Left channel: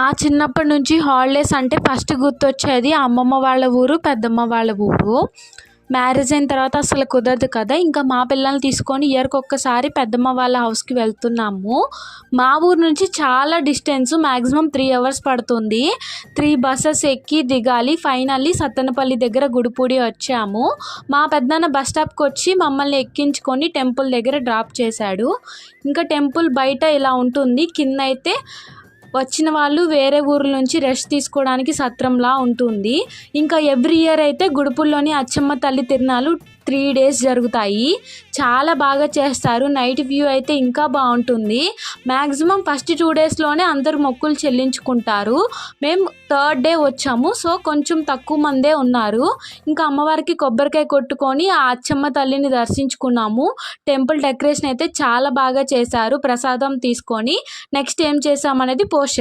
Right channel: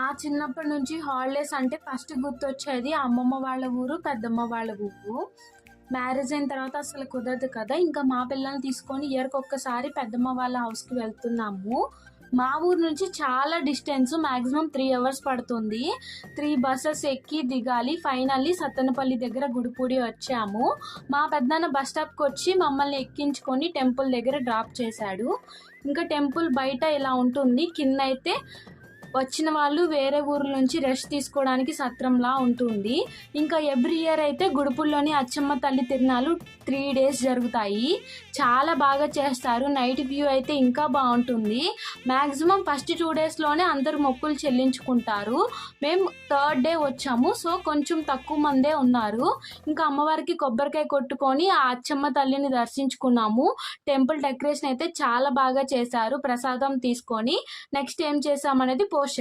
ఆ చిన్నప్పటి నుంచి హాలిడేస్ అంటే ఫస్ట్ గుర్తొచ్చేది అమ్మమ్మ వాళ్ళ ఊరు, పెద్దమ్మ వాళ్ళ ఊరు. మ్యారేజ్ అయిన తర్వాత అసలు కుదరదు కదా! ఇంకా మా పిల్లల్ని తీసుకొని ఇయర్‌కి ఒక్కసారి పెద్దమ్మ వాళ్ళ హౌస్‌కి వెళ్తున్నాము. మా ఊరు నుంచి చాలా డిస్టెన్స్, మాక్సిమం 3 అవర్స్ పడుతుంది. 3 బసెస్ ఎక్కి దిగాలి. ఫైనల్లీ సత్తెనపల్లి దగ్గర గుడిపూడి వచ్చాము. మా పెద్దనాన్న బస్ స్టాప్‌కొచ్చి మమ్మల్ని ఎక్కించుకొని టెంపుల్ దగ్గర డ్రాప్ చేశాడు. ఇంకా టెంపుల్ బయట ఇలా ఉంటుంది. కిందైతే వచ్చిన వాళ్ళు వేరే ఊర్ల నుంచి రెస్ట్ తీసుకోవడానికి సత్రంలా ఉంటుంది. ఇంకా ఎవ్రీ ఇయర్ అయితే గుడిపూడిలోని అచ్చమ్మ తల్లి తిరునాళ్ళు 3 డేస్ జరుగుతాయి. చాలా బాగా చేస్తారు. నైట్ వ్యూ అయితే ఇంకా బాగుంటుంది. మ్యాక్సిమం ఫస్ట్ 2 డేస్లోనే అందరూ మొక్కులు చెల్లించుకుంటారు. మేము థర్డ్ డే వచ్చాము. సో కొంచెం తక్కువ మందే ఉన్నారు. ఇంకా అమ్మవారికి కొబ్బరికాయ కొట్టుకొని ఆ అచ్చమ్మ తల్లిని దర్శించుకున్నాము. టెంపుల్ డెకరేషన్ అయితే చాలా బాగా చేశారు. ప్రసాదం తీసుకొని నెక్స్ట్ ఏం చేసామనేది పోస్ట్